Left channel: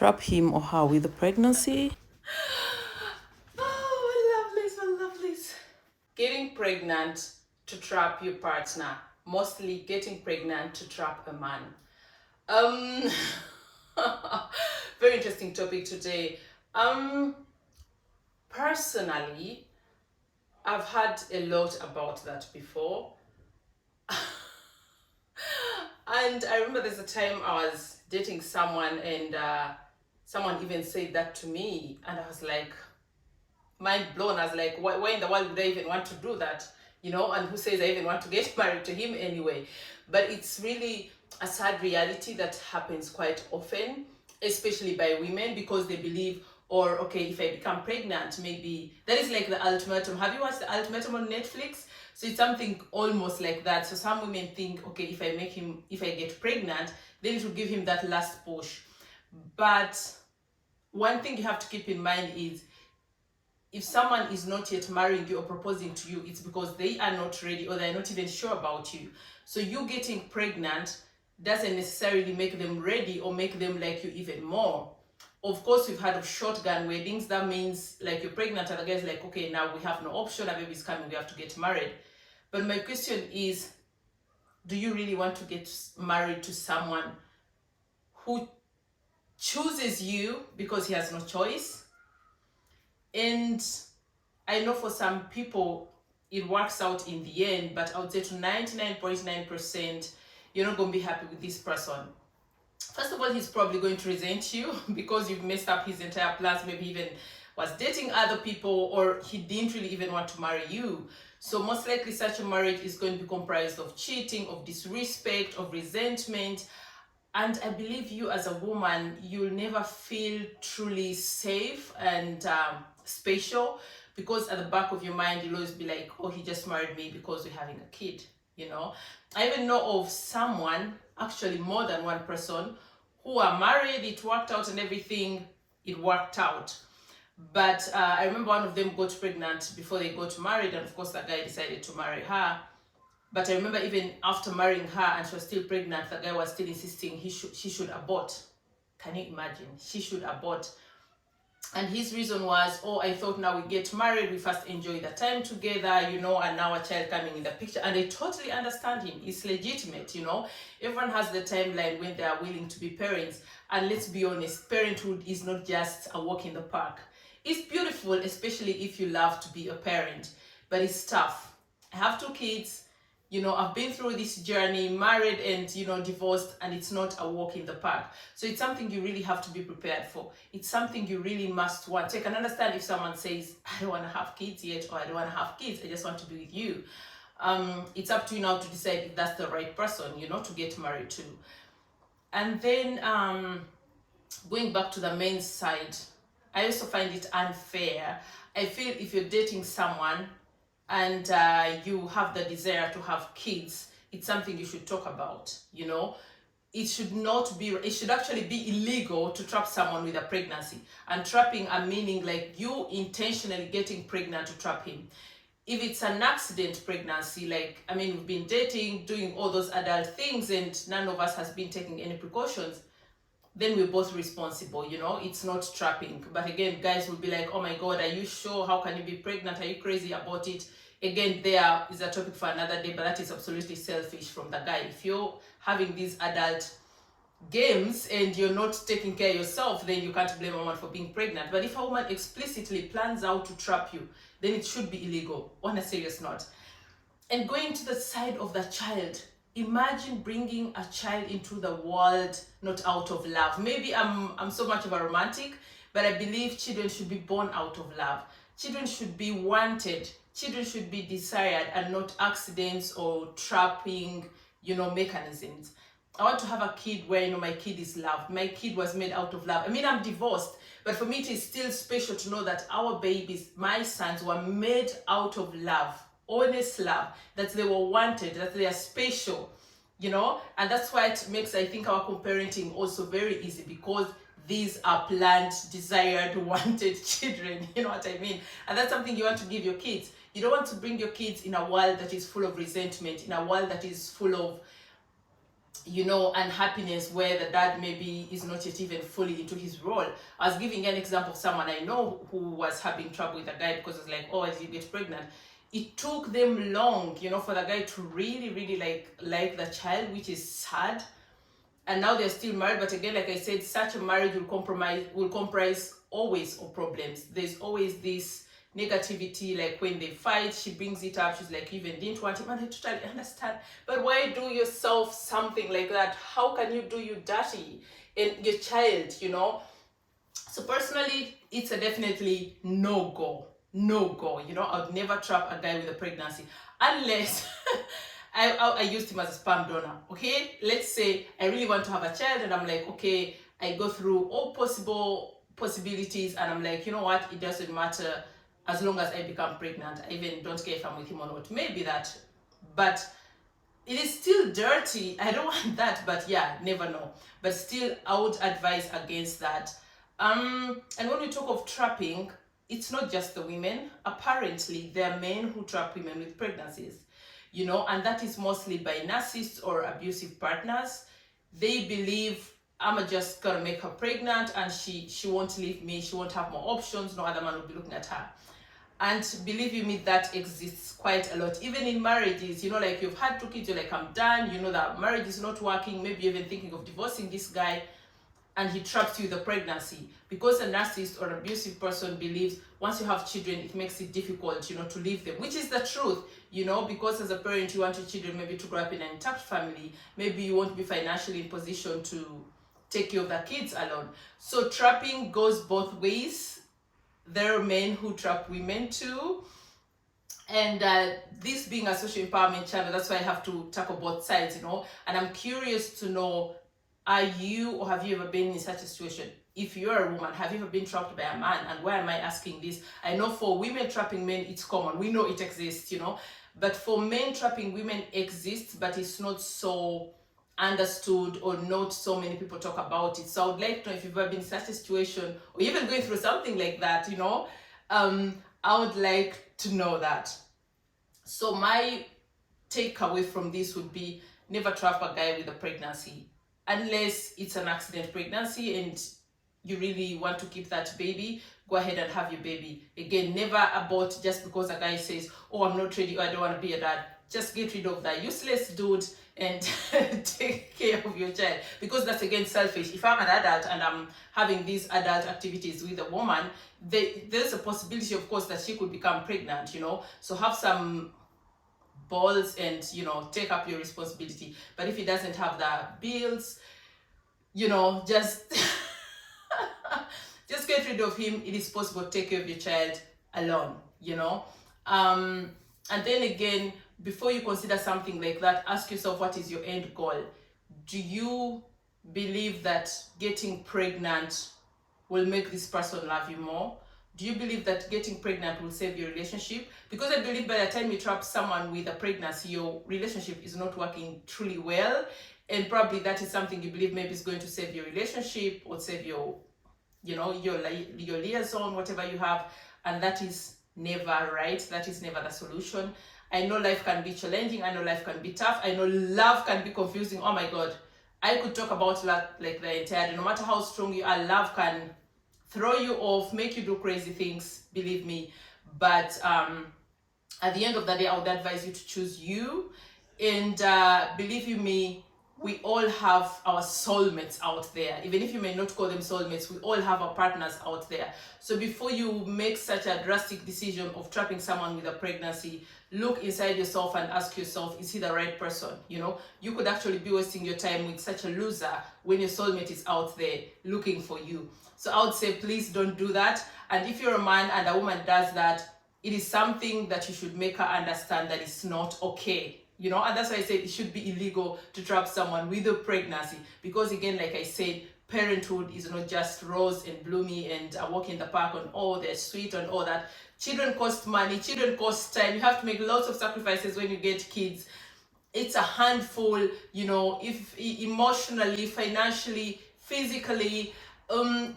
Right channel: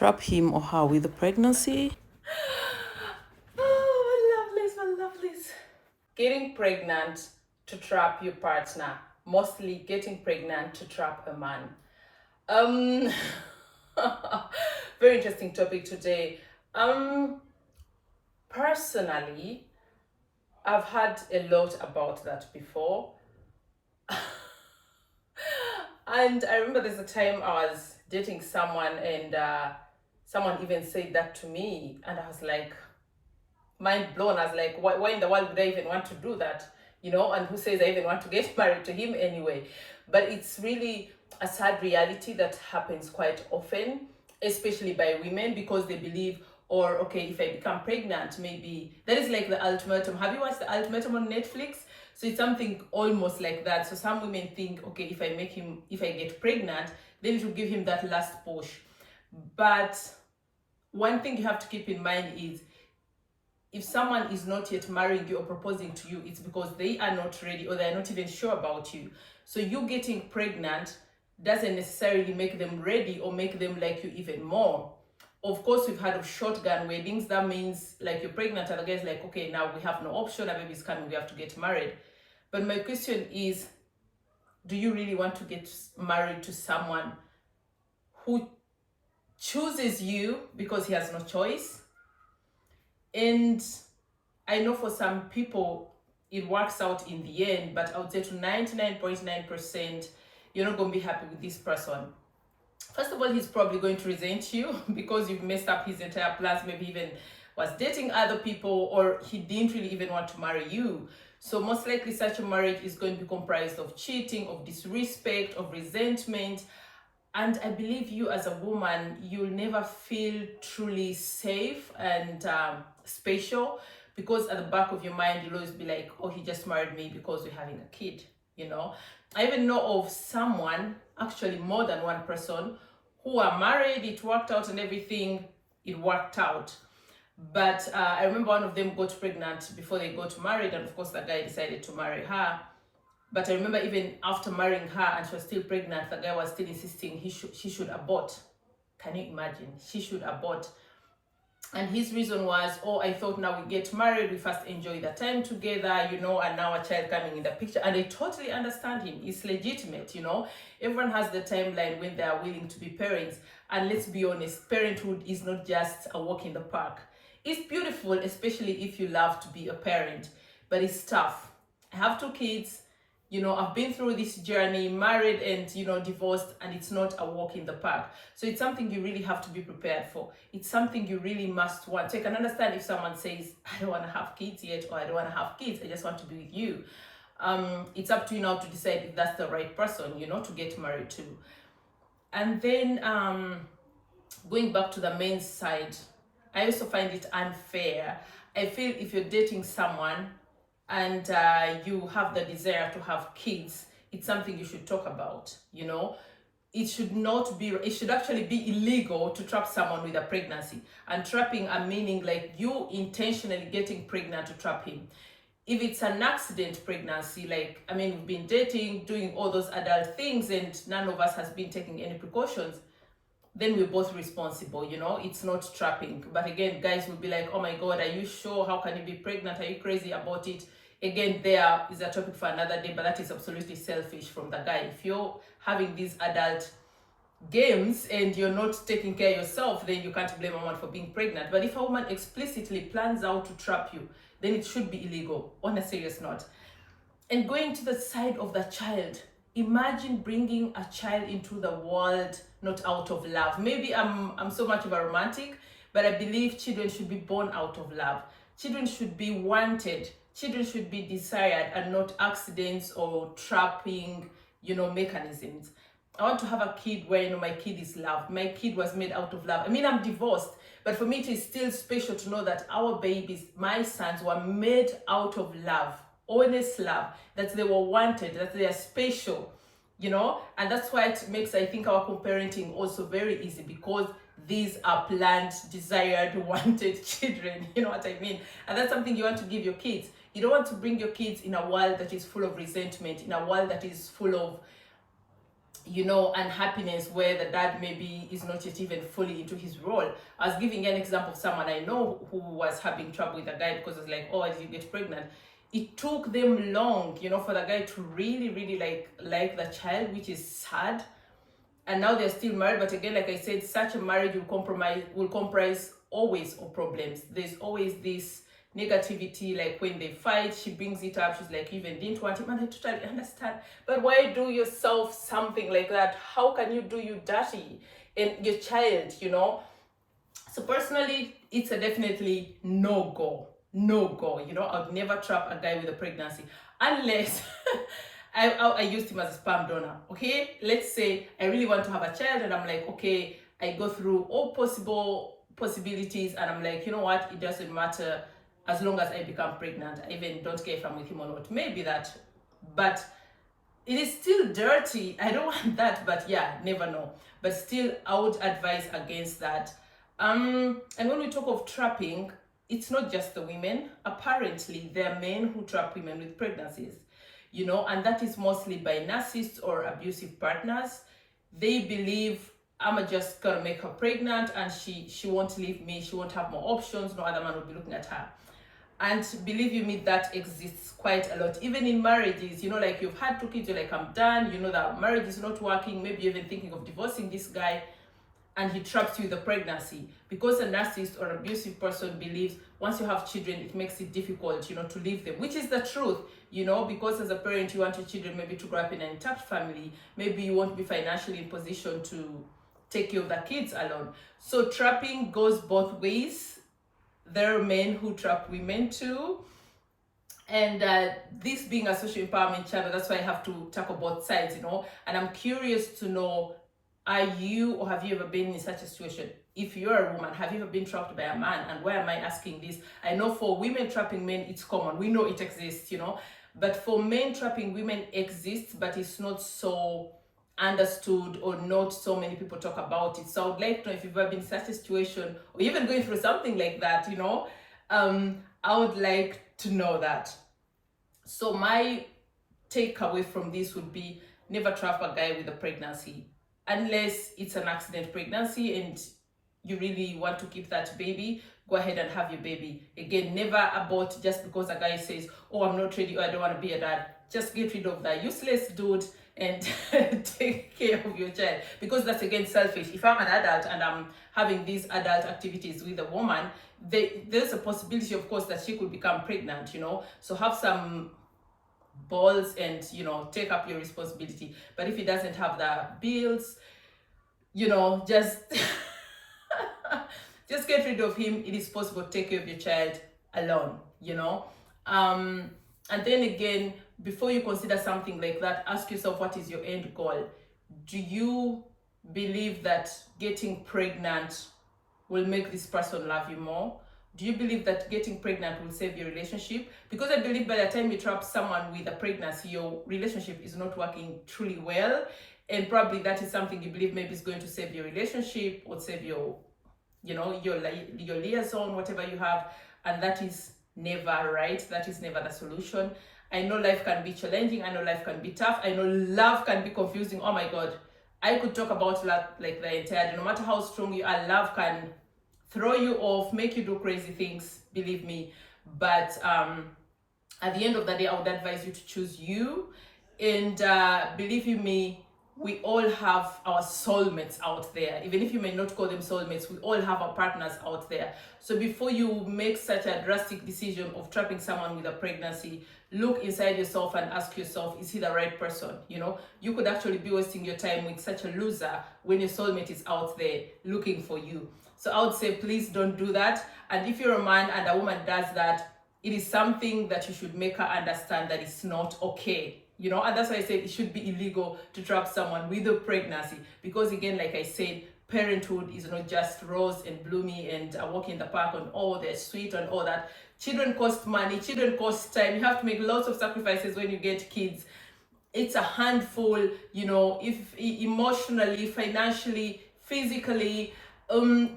trap him or her with a pregnancy. Oh, my lovelies. Getting pregnant to trap your partner. Mostly getting pregnant to trap a man. Um, very interesting topic today. Personally, I've had a lot about that before. And I remember there's a time I was dating someone and someone even said that to me. And I was like, mind blown. I was like, why in the world would I even want to do that? And who says I even want to get married to him anyway? But it's really a sad reality that happens quite often, especially by women, because they believe, or okay, if I become pregnant, maybe that is like the ultimatum. Have you watched the ultimatum on Netflix? So it's something almost like that. So some women think, okay, if I get pregnant, then it will give him that last push. But one thing you have to keep in mind is, if someone is not yet marrying you or proposing to you, it's because they are not ready or they're not even sure about you. So you getting pregnant doesn't necessarily make them ready or make them like you even more. Of course, we've heard of shotgun weddings. That means like you're pregnant and the guy's like, okay, now we have no option, a baby's coming, we have to get married. But my question is, do you really want to get married to someone who chooses you because he has no choice? And I know for some people it works out in the end, but I would say to 99.9%, you're not going to be happy with this person. First of all, he's probably going to resent you because you've messed up his entire plans. Maybe even was dating other people, or he didn't really even want to marry you. So most likely such a marriage is going to be comprised of cheating, of disrespect, of resentment. And I believe you as a woman, you'll never feel truly safe and special, because at the back of your mind, you'll always be like, oh, he just married me because we're having a kid, I even know of someone, actually more than one person, who are married, it worked out and everything, it worked out. But I remember one of them got pregnant before they got married, and of course the guy decided to marry her. But I remember even after marrying her and she was still pregnant, the guy was still insisting she should abort. Can you imagine? She should abort. And his reason was, oh, I thought now we get married, we first enjoy the time together, and now a child coming in the picture. And I totally understand him. It's legitimate, Everyone has the timeline when they are willing to be parents. And let's be honest, parenthood is not just a walk in the park. It's beautiful, especially if you love to be a parent, but it's tough. I have 2 kids. I've been through this journey, married and, divorced, and it's not a walk in the park. So it's something you really have to be prepared for. It's something you really must want. So I can understand if someone says, I don't want to have kids yet, or I don't want to have kids, I just want to be with you. It's up to you now to decide if that's the right person, to get married to. And then going back to the men's side, I also find it unfair. I feel if you're dating someone and you have the desire to have kids, it's something you should talk about, It should actually be illegal to trap someone with a pregnancy. And trapping, I'm meaning like you intentionally getting pregnant to trap him. If it's an accident pregnancy, we've been dating, doing all those adult things, and none of us has been taking any precautions, then we're both responsible, it's not trapping. But again, guys will be like, oh my God, are you sure? How can you be pregnant? Are you crazy about it? Again, there is a topic for another day, but that is absolutely selfish from the guy. If you're having these adult games and you're not taking care of yourself, then you can't blame a woman for being pregnant. But if a woman explicitly plans out to trap you, then it should be illegal, on a serious note. And going to the side of the child, imagine bringing a child into the world not out of love. Maybe I'm so much of a romantic, but I believe children should be born out of love. Children should be wanted. Children should be desired, and not accidents or trapping, mechanisms. I want to have a kid where, my kid is loved. My kid was made out of love. I'm divorced, but for me it is still special to know that our babies, my sons, were made out of love. Honest love, that they were wanted, that they are special, and that's why it makes, I think, our co-parenting also very easy, because these are planned, desired, wanted children, you know what I mean? And that's something you want to give your kids. You don't want to bring your kids in a world that is full of resentment, in a world that is full of unhappiness where the dad maybe is not yet even fully into his role. I was giving an example of someone I know who was having trouble with a guy because it's like, oh, as you get pregnant, it took them long, for the guy to really, really like the child, which is sad. And now they're still married, but again, like I said, such a marriage will comprise always of problems. There's always this negativity, like when they fight, she brings it up, she's like, you even didn't want him, and I totally understand, but why do yourself something like that? How can you do you dirty and your child, So personally, it's a definitely no-go, I'd never trap a guy with a pregnancy unless I used him as a sperm donor. Okay, let's say I really want to have a child and I'm like, okay, I go through all possibilities and I'm like, you know what, it doesn't matter as long as I become pregnant. I even don't care if I'm with him or not. Maybe that, but it is still dirty. I don't want that, but yeah, never know. But still, I would advise against that. And when we talk of trapping, it's not just the women. Apparently, there are men who trap women with pregnancies, and that is mostly by narcissists or abusive partners. They believe, I'm just gonna make her pregnant and she won't leave me, she won't have more options, no other man will be looking at her. And believe you me, that exists quite a lot, even in marriages. Like you've had 2 kids, you're like, I'm done, that marriage is not working, maybe you're even thinking of divorcing this guy, and he traps you with a pregnancy because a narcissist or abusive person believes once you have children, it makes it difficult, to leave them, which is the truth, because as a parent, you want your children maybe to grow up in an intact family. Maybe you won't be financially in position to take care of the kids alone. So trapping goes both ways. There are men who trap women too. And this being a social empowerment channel, that's why I have to tackle both sides, And I'm curious to know, are you or have you ever been in such a situation? If you're a woman, have you ever been trapped by a man? And why am I asking this? I know for women trapping men, it's common. We know it exists, But for men trapping women exists, but it's not so understood or not so many people talk about it. So I would like to know if you've ever been in such a situation or even going through something like that, I would like to know that. So my takeaway from this would be never trap a guy with a pregnancy unless it's an accident pregnancy and you really want to keep that baby. Go ahead and have your baby. Again, never abort just because a guy says, oh, I'm not ready or I don't want to be a dad. Just get rid of that useless dude and take care of your child, because that's again selfish. If I'm an adult and I'm having these adult activities with a woman, there's a possibility, of course, that she could become pregnant, so have some balls and take up your responsibility. But if he doesn't have the bills, just just get rid of him. It is possible to take care of your child alone, and then again, before you consider something like that, ask yourself, what is your end goal? Do you believe that getting pregnant will make this person love you more? Do you believe that getting pregnant will save your relationship? Because I believe by the time you trap someone with a pregnancy, your relationship is not working truly well, and probably that is something you believe maybe is going to save your relationship or save your liaison, whatever you have, and that is never right. That is never the solution. I know life can be challenging. I know life can be tough. I know love can be confusing. Oh my God. I could talk about love like the entire day. No matter how strong you are, love can throw you off, make you do crazy things, believe me. But at the end of the day, I would advise you to choose you. And believe you me, we all have our soulmates out there. Even if you may not call them soulmates, we all have our partners out there. So before you make such a drastic decision of trapping someone with a pregnancy, look inside yourself and ask yourself, is he the right person? You could actually be wasting your time with such a loser when your soulmate is out there looking for you. So I would say, please don't do that. And if you're a man and a woman does that, it is something that you should make her understand that it's not okay. And that's why I said it should be illegal to trap someone with a pregnancy. Because again, like I said, parenthood is not just rose and bloomy and a walk in the park and they're sweet and all that. Children cost money, children cost time. You have to make lots of sacrifices when you get kids. It's a handful, if emotionally, financially, physically,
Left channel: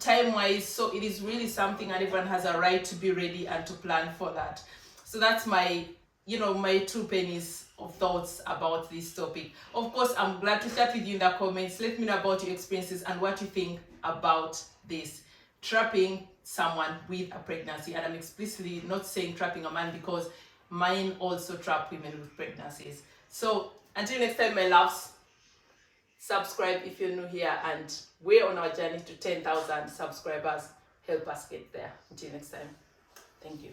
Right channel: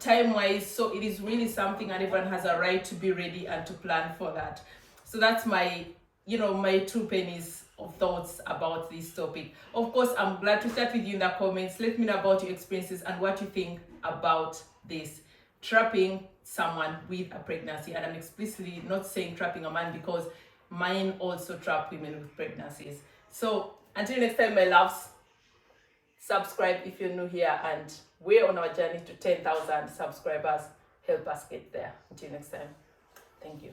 time-wise. So it is really something, and everyone has a right to be ready and to plan for that. So that's my, my 2 pennies of thoughts about this topic. Of course, I'm glad to chat with you in the comments. Let me know about your experiences and what you think about this trapping someone with a pregnancy. And I'm explicitly not saying trapping a man, because mine also trap women with pregnancies. So until next time, my loves, subscribe if you're new here, and we're on our journey to 10,000 subscribers. Help us get there. Until next time, thank you.